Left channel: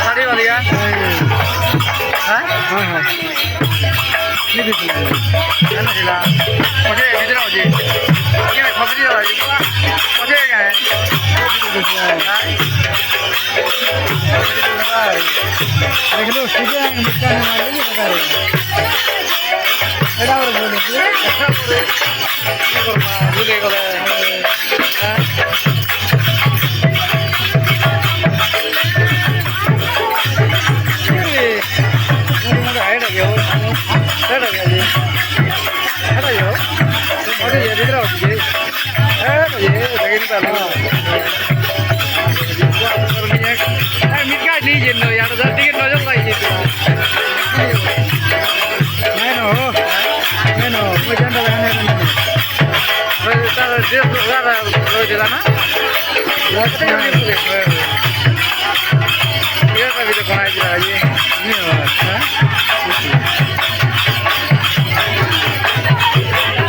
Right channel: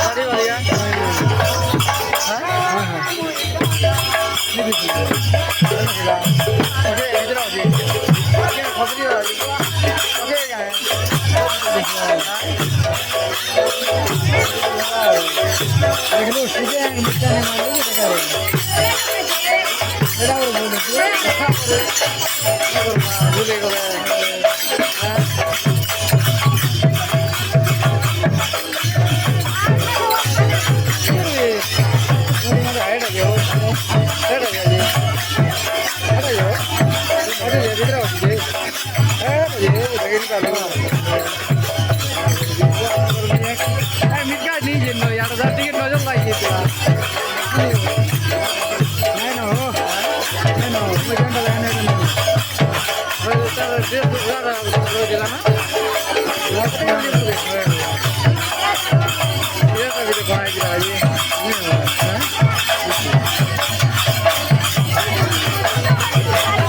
साड़ी वाली है मुझे इधर आओ जी मैं खबरी वाला जी मुझे क्या है देख लो सीधे आएंगे मुझका ने मार लेंगे बता रहे बेटा और बोले कि अच्छा बोले Iya, tapi itu kau aja lagi. Ini,